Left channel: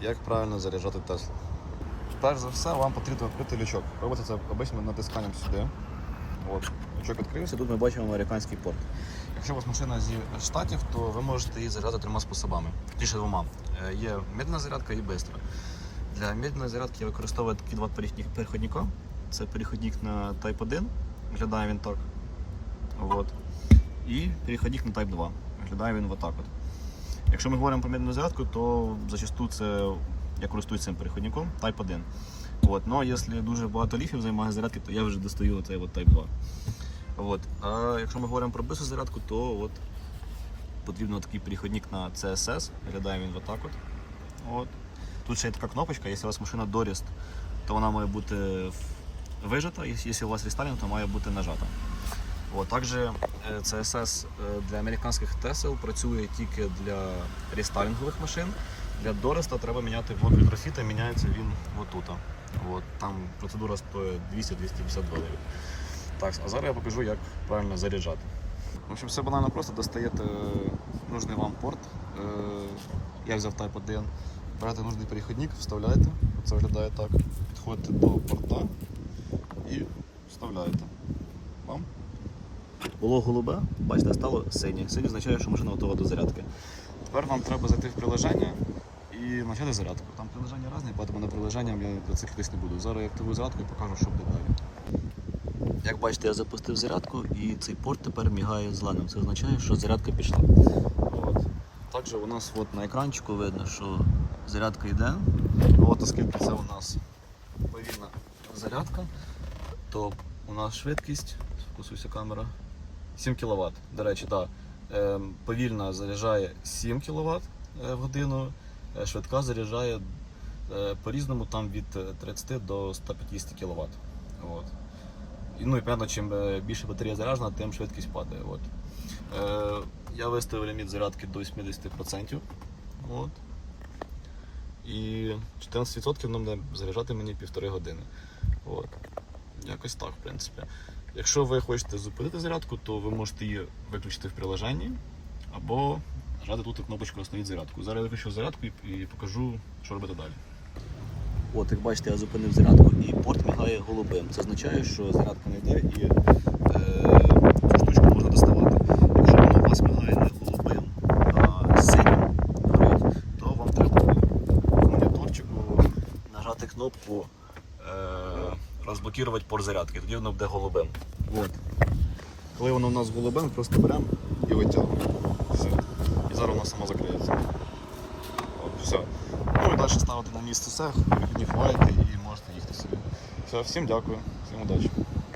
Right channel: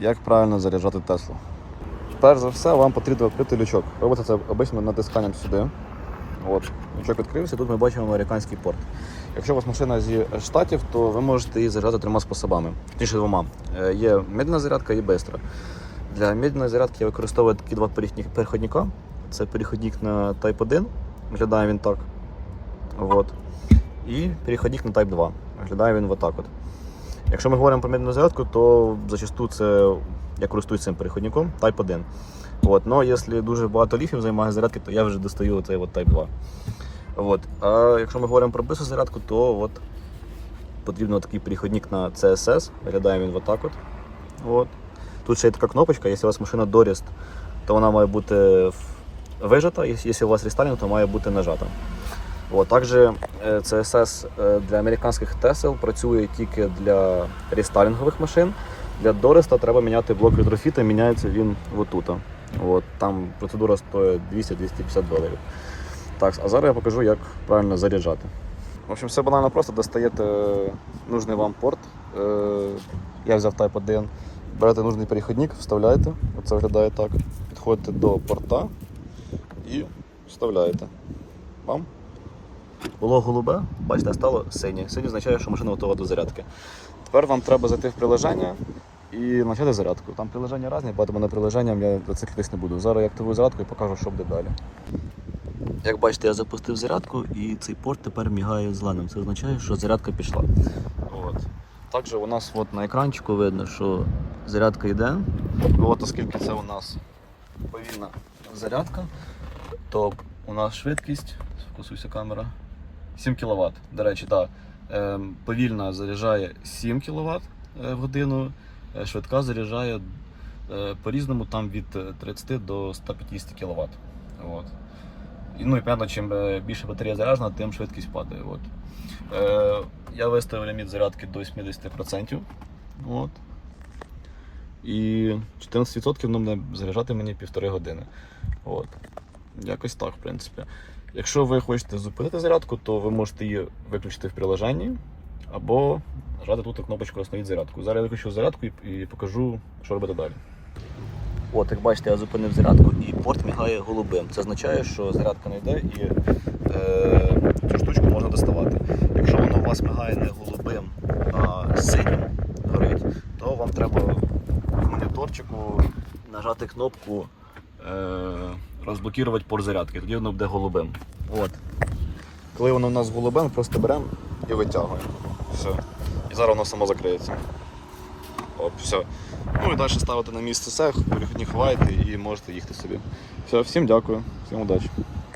Як правильно заряджати Теслу? Перш за все, вам потрібно відкрити лючок. Робите це обично натисканням сюди. От, лючок відкрився, тут ми бачимо американський порт. Якщо у вас машина зі штатів, то ви можете її заряджати трьома способами. Точніше двома. Е, Є медленна зарядка і бистра. Для медленної зарядки я використовую такі два переходника. Це переходник на Type 1, виглядає він так. От. І переходник на Type 2. Виглядає він отак от. Якщо ми говоримо про медленну зарядку, то зачасту це я користуюсь цим переходником Type 1. От. Но якщо дуже багато ліфів займає зарядки, то я вже достаю цей от Type 2. От. А якщо ми говоримо про бистру зарядку, то от потрібно такий переходник на CSS. Виглядає він отак от. От. Тут ще є така кнопочка, якщо у вас машина доріст, то вона має бути вижата, якщо у вас рестайлінг, то має бути нажата. От, також е, CSS е, для американських Тесел працює тільки для рестайлінгових машин. Для Дореста треба міняти блок ретрофіта, міняється він отут. От, там процедура стоїть 200-250 доларів. Так, а зараз я покажу, як правильно заряджати. В общем, все банально просто достаєте нужний вам порт. Е, Я взяв Type 1. Берете нужний переходник, вставляєте. Оце виглядає так. Підходите до порта і вставляєте. Вам. Було голубе, бачите, стало синє. Синє означає, що машина готова до зарядки. Тепер вам треба зайти в приложення і почати зарядку. Там приложення різні, тому на приложенням я зациклитись не буду. Зараз я активую зарядку і покажу, що буде далі. Як бачите, я запустив зарядку і цей порт тепер мігає зеленим. Це означає, що зарядка пішла. От. Також у нас от на екранчику видно, що зарядка йде. От оскільки це у нас повільна зарядка, то у нас швидкість, фокусується камера, 7 кВт. До речі, так. Е, повільна заряджає 7 кВт в годину, е, швидка заряджає е, по-різному там від е, 30 до 150 кВт. От. Ну і понятно, чим е, більше батарея заряджена, тим швидкість падає. От. Е, я виставив ліміт зарядки до 80%. От. І 14% воно буде заряджати мені півтори години. От. Якось так, в принципі. Якщо ви хочете зупинити зарядку, то ви можете її виключити в приложенні або нажати тут кнопочку Остановіть зарядку. Зараз я виключу зарядку і, покажу, що робити далі. От, як бачите, я зупинив зарядку і порт мігає голубим. Це означає, що зарядка не йде і е, цю штучку можна доставати. Якщо воно у вас мигає не голубим, а синім горить, то вам треба в моніторчику нажати кнопку е, розблокувати порт зарядки, тоді воно буде голубим. От. Коли воно у нас голубим, просто беремо і витягуємо. Все. І зараз воно само закриється. От, все. Ну і далі ставити на місце цех, не ховайте і можете їхати собі. Все, всім дякую, всім удачі.